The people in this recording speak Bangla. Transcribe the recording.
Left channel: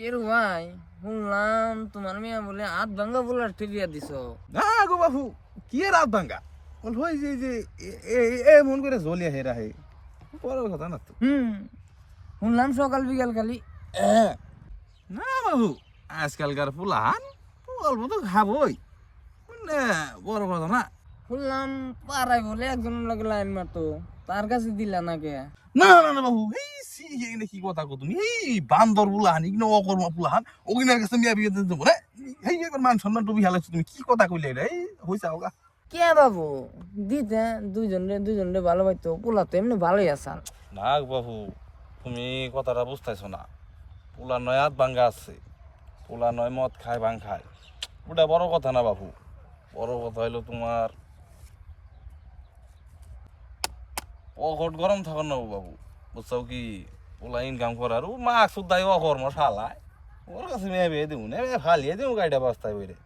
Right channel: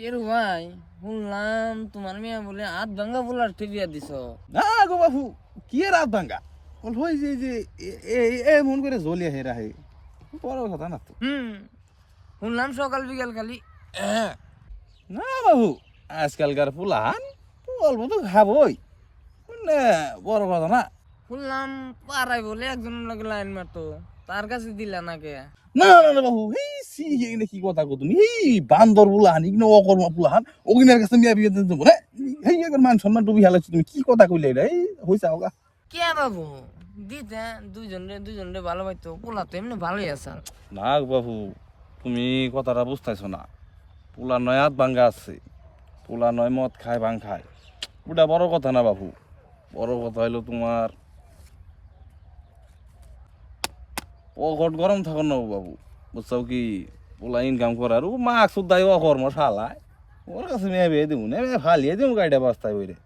টেরু ভাই শুনলাম তোমার মেয়ে বলে হাত ভাঙ্গা বলার বিয়া দিছ। না গো বাবু কি রাত ভাঙ্গা বল হই যে মন করে জ্বলিয়া হেরা হে বড় কথা না তো। শুনলাম সকাল বিকাল খালি না বাবু আজকালকার পুলাহান অল্প তো খাবই মানে বড় কথা না। শুনলাম পাড়ায় বলে একজন লাগে লাইন মারতো, তার কাছে দিলা নাকি? না না না বাবু এই সি এগুলো কি কথা কো তুমি এই বান্দর পুলাহান ইগনো অকর্ম পুলাহান ওগিনার কাছে মিয়া বিয়ে দিতে দেবো না এই একবার মান সম্মান ডুবি হালাইছো তুমি কি কথা কইলে এটা এই হইছে হোগা। কে বাবু দিতে দুইজনে ভালো পাইতো, পোলা তো এমনি ভালোই আসাল। না বাবু তুমি কথাটা বুঝতেছো না, পোলা নয় হাত ভাঙ্গা আছে, পোলা নয় মদ খায় ভাং খায়, ওটা বড় কথা না বাবু। বড় কথা হইলো তোমার পকেট গরম থাকো না বাবু, বুঝছো কি? পোলা ইনকাম করার ও মাক সুদ্ধাই অকর্ম শালায় ওর কাছে মেয়ে বিয়ে দেবো না ফালিয়ে দেবো গাড়িটা বাস্তায় বইরে।